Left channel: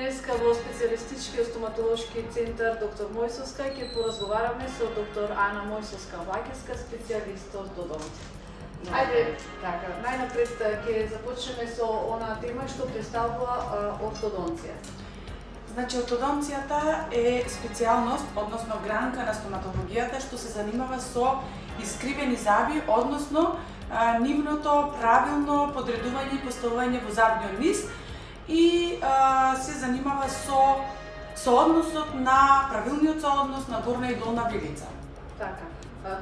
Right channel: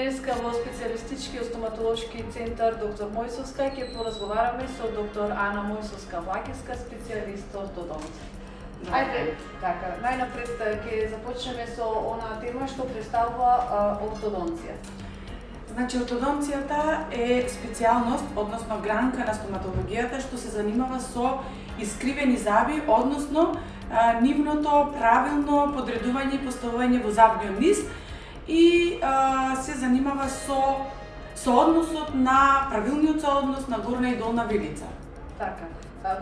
Денеска во специјалистички стоматолошки центар доктор Мојсовска ќе поразговараме со доктор Ана Мојсовска-Вакевска, специјалист ортодонт. Ајде, така, најнапред ќе започнеме со она тема што представува ортодонција. Значи, ортодонцијата е специјалност, односно гранка на стоматологијата што се занимава со искривени зъби, односно нивното правилно подредување и поставување во зъбниот низ и се занимава со односот на правилниот сооднос на горна и долна вилица. Така.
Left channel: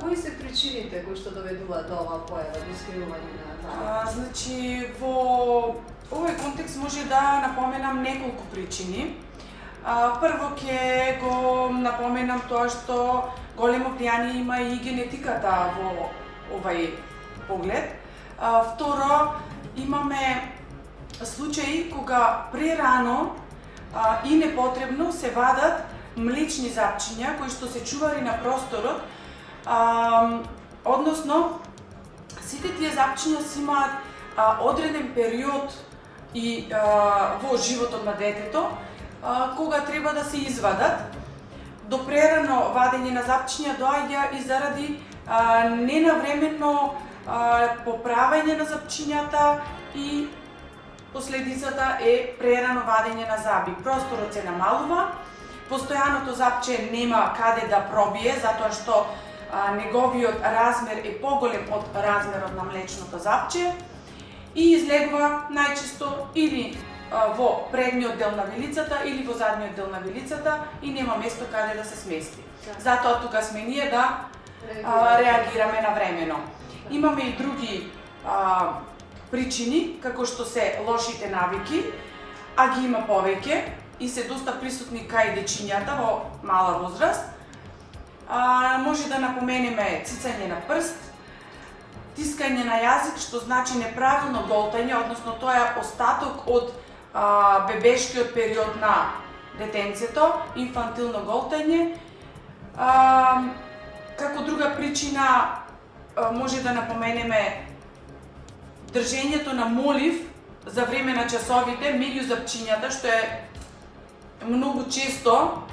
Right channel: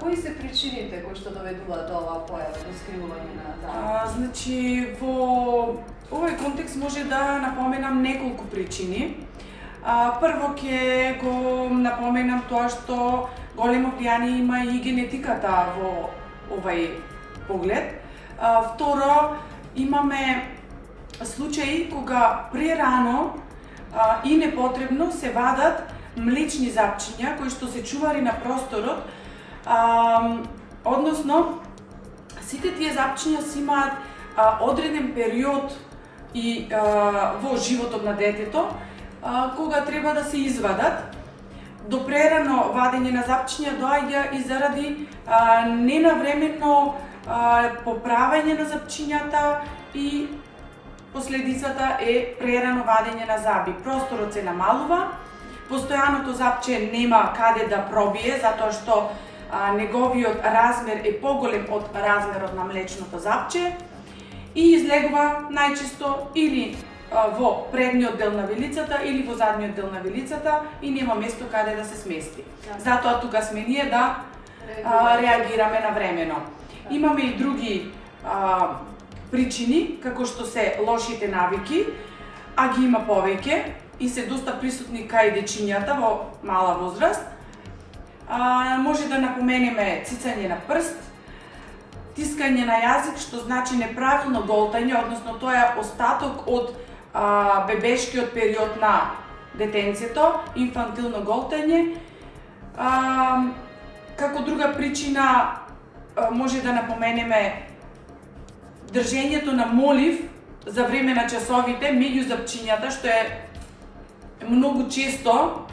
Кои се причините кои што доведуваат до оваа појава, до искривување на зъби? Значи, во овој контекст може да напоменам неколку причини. Прво ќе го напоменам тоа што големо влијание има и генетиката во овај поглед. Второ, имаме случаи кога прерано и непотребно се вадат млечни зъбчиња кои што се чувари на просторот, односно сите тие зъбчиња си имаат одреден период и во животот на детето кога треба да се извадат. До прерано вадење на зъбчиња доаѓа и заради ненавременно поправање на зъбчињата и последицата е прерано вадење на зъби. Просторот се намалува, постојаното зъбче нема каде да пробие затоа што неговиот размер е поголем од размерот на млечното зъбче и излегува најчесто или во предниот дел на вилицата или во задниот дел на вилицата и нема место каде да се смести. Затоа тука сме ние да реагираме навремено. Имаме и други причини, како што се лошите навики, а ги има повеќе и се доста присутни кај дечињата во мала возраст. Може да напоменеме цицање на прст, тискање на јазик, што значи неправилно голтање, односно тоа е остаток од бебешкиот период на детенцето, инфантилно голтање. Како друга причина може да напоменеме држењето на молив за време на часовите меѓу зъбчињата, што е многу често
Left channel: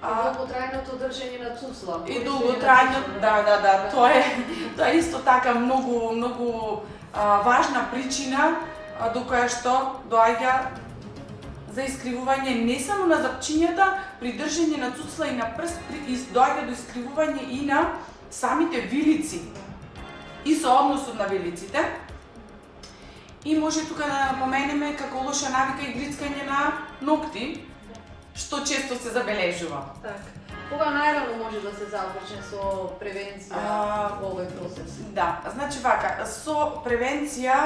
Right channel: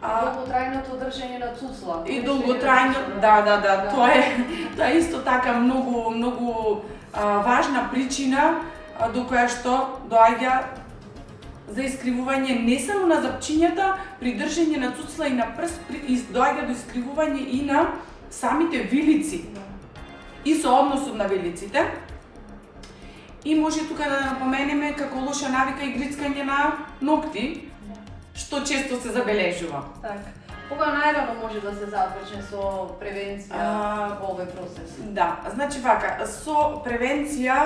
И долготрајното држење на цуцла. И долготрајно, да, тоа е исто така многу важна причина до која што доаѓа за искривување не само на зъбчињата, при држење на цуцла и на прст, доаѓа до искривување и на самите вилици и соодносот на вилиците. И може тука да напоменеме како лоша навика и грицкање на ногти, што често се забележува. Така. Кога најрано може да се започне со превенција во овој процес? Да, значи вака, со превенција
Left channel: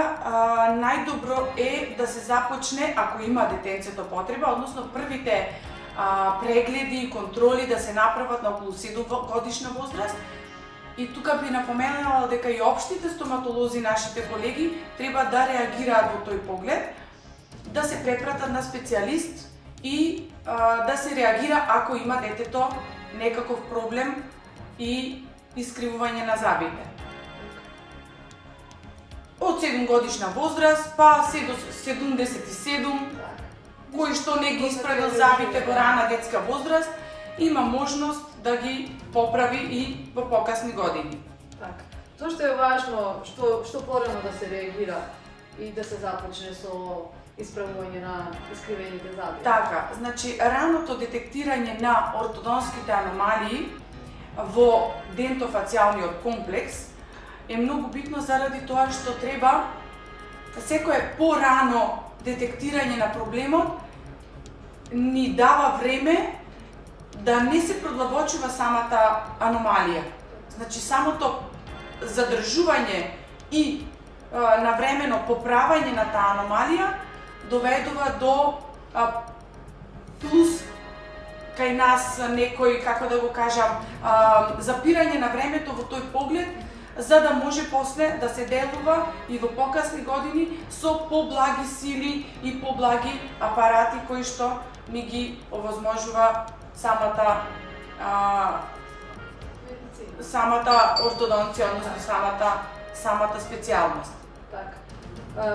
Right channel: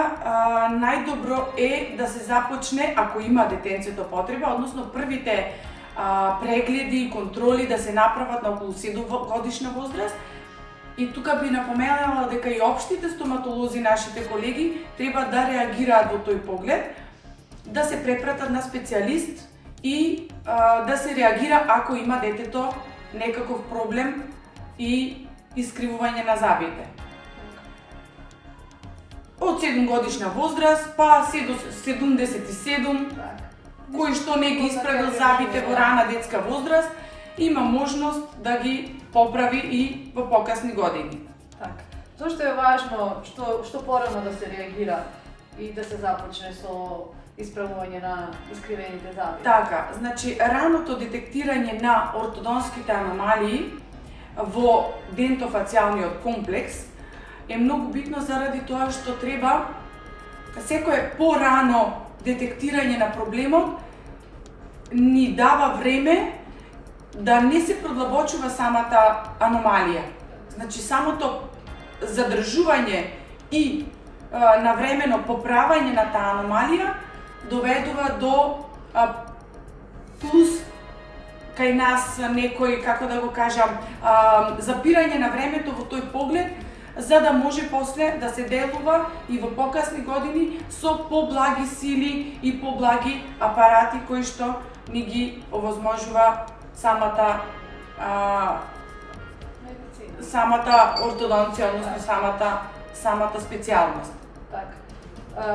најдобро е да се започне ако има детенцето потреба, односно првите прегледи и контроли да се направат на околу 7 годишна возраст. И тука би напоменала дека и општите стоматолози, нашите колеги, треба да реагираат во тој поглед, да се препратат на специјалист и да се реагира ако има детето некаков проблем и искривување на зъбите. Од 7 годишна возраст па се до 77, кој што не ги исправил зъбите во рана детска возраст, има можност да ги поправи и во покасни години. Така. Зошто е важно што порано да се реагира и да се започне со исправување на искривените зъби? Така, значи раното детектирање на ортодонските аномалии во дентофацијалниот комплекс е многу битно заради тоа што треба секое порано детектирање на проблемот ни дава време да не се продлабочува самата аномалија. Значи самото задржување и навремено поправање на таа аномалија доведува до плюс кај нас некој, како да го кажам, запирање на времето во тој поглед, за да може после да се делува и во покасни години со поблаги сили и поблаги апарати кои што ни ги овозможува самата ортодонција, односно самата специјалност. Така.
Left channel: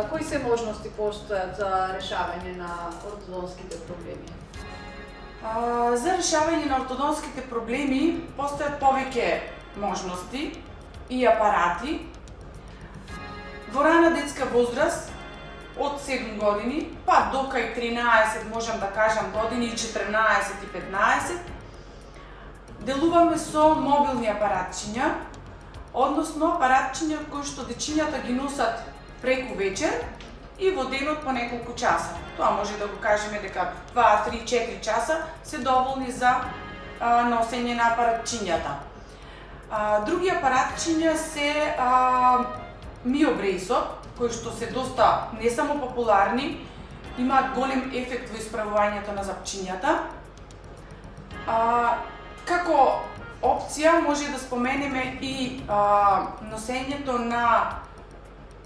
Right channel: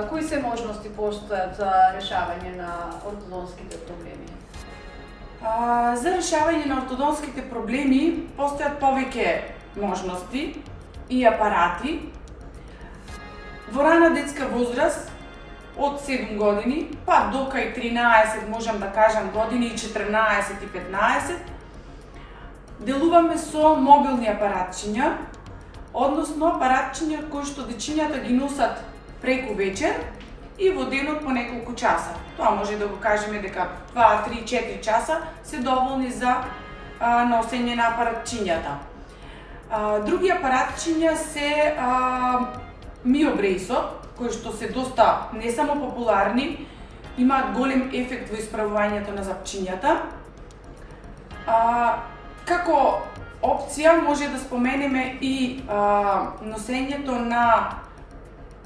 Кои се можности постојат за решавање на ортодонските проблеми? За решавање на ортодонските проблеми постојат повеќе можности и апарати. Во рана детска возраст, од 7 години, па до кај 13, можам да кажам години, и 14 и 15, делуваме со мобилни апаратчиња, односно апаратчиња кои што дечињата ги носат преку вечер и во денот по неколку часа. Тоа може да го кажеме дека 2, 3, 4 часа се доволни за носење на апаратчињата. Други апаратчиња се миобрейсот, кои што се доста не само популарни, имаат голем ефект во исправувањето на запчињата. Како опција може да споменеме и носењето на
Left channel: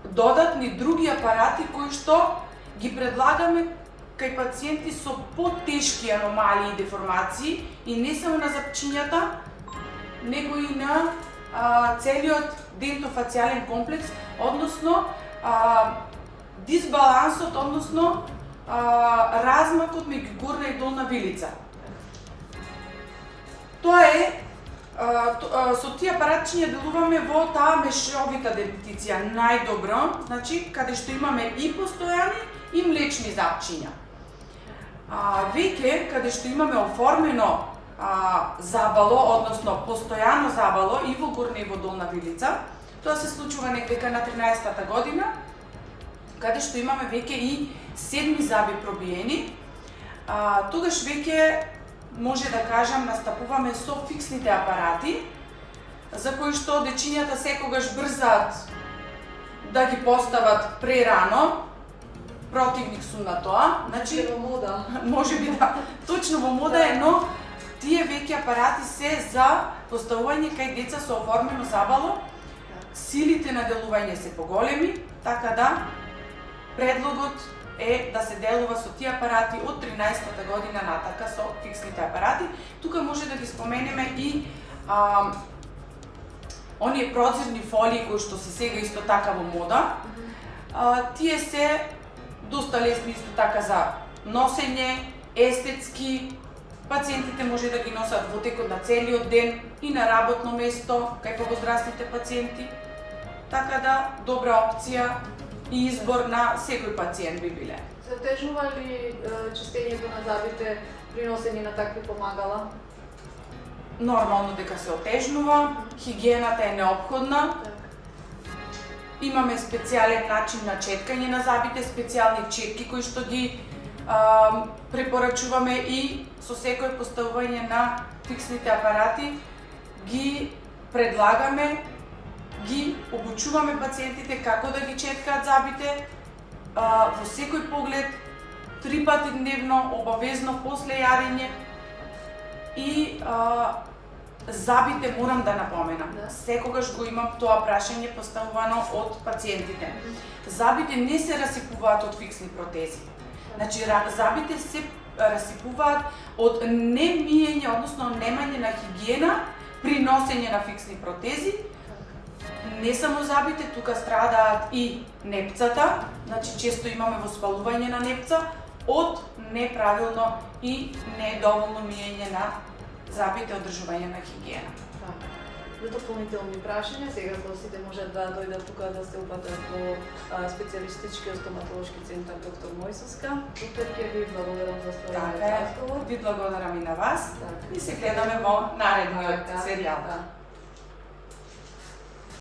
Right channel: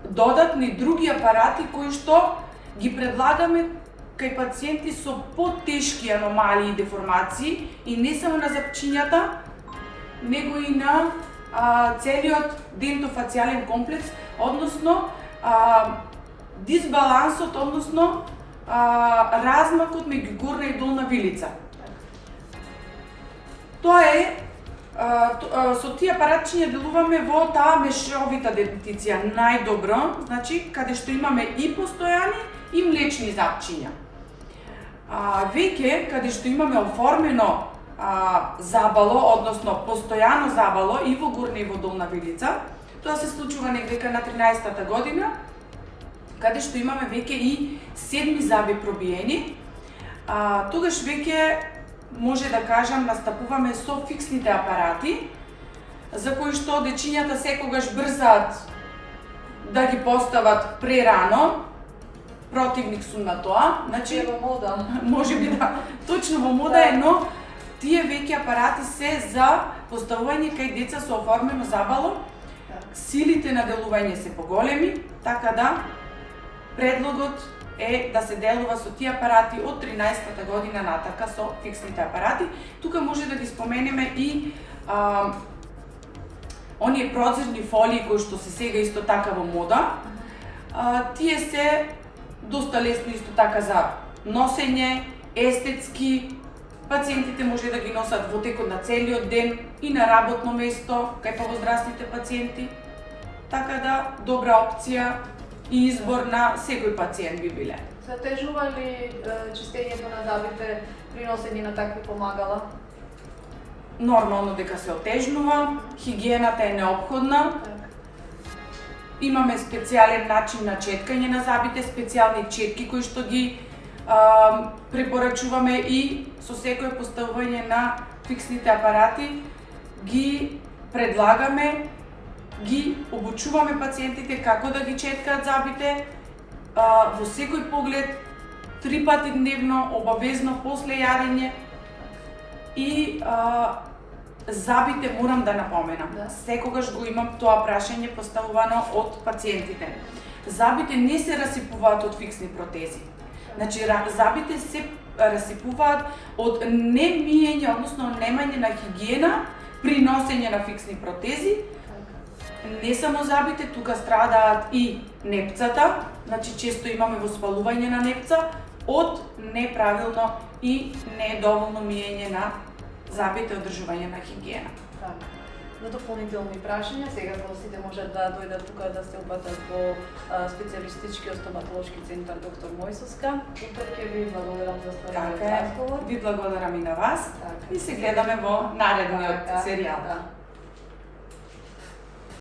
додатни други апарати кои што ги предлагаме кај пациенти со потешки аномалии и деформации и не само на запчињата, него и на целиот дентофацијален комплекс, односно дисбалансот, односно размакот меѓу горна и долна вилица. Тоа е, со тие апаратчиња делуваме во таа мешовита дентиција најдобро, значи каде што имаме и постојани и млечни запчиња. Веќе каде што имаме оформено забало, односно постојано забало и во горна и во долна вилица, тоа се случува некаде на 13-та година, каде што имаме веќе и 7 заби пробиени. Тогаш веќе може да кажам настапуваме со фиксните апарати, за кои што дечињата секогаш брзаат да ги постават прерано. Противник сум на тоа, значи во мода. Можеби да, точно во мода е, но тие веќе апарати се за поставување кај деца со оформено забало. Силите на делување се поголеми, така да предлогот е да се делува со тие апарати од 13-та година натака со фиксните апарати. Тука може да ги споменеме и оние прозирни фолии кои што се сега исто така во мода. Тие се доста лесни исто така за носење, естетски. Пациентите може да ги носат во текот на целиот ден и на работно место кај повозрастните пациенти. Така да добра опција и избор на секој пациент би биле. Се отежнува ли чистењето на забите при носење на такви помагала? Нормално дека се отежнува, хигиената е неопходна. Имаме специјален начин на четкање на забите, специјални четки кои што ги препорачуваме и со секој поставување на фиксните апарати ги предлагаме, ги обучуваме пациентите како да ги четкаат забите во секој поглед, 3 пати дневно, обавезно после јадење и забите морам да напоменам. Секогаш го имам тоа прашање поставувано од пациентите. Забите не се расипуваат од фиксни протези. Значи забите се расипуваат од немиење, односно немање на хигиена при носење на фиксни протези. Не само забите, тука страдаат и непцата, значи често имаме воспалување на непца од неправилно и недоволно миење на забите, одржување на хигиена. За дополнителни прашања, сега гостите можат да дојдат тука да се упатат во специјалистичкиот стоматолошки центар доктор Мојсовска. Доктор, ќе ви благодарам за својот разговор. Ви благодарам и на вас и се гледаме во наредниот серијал.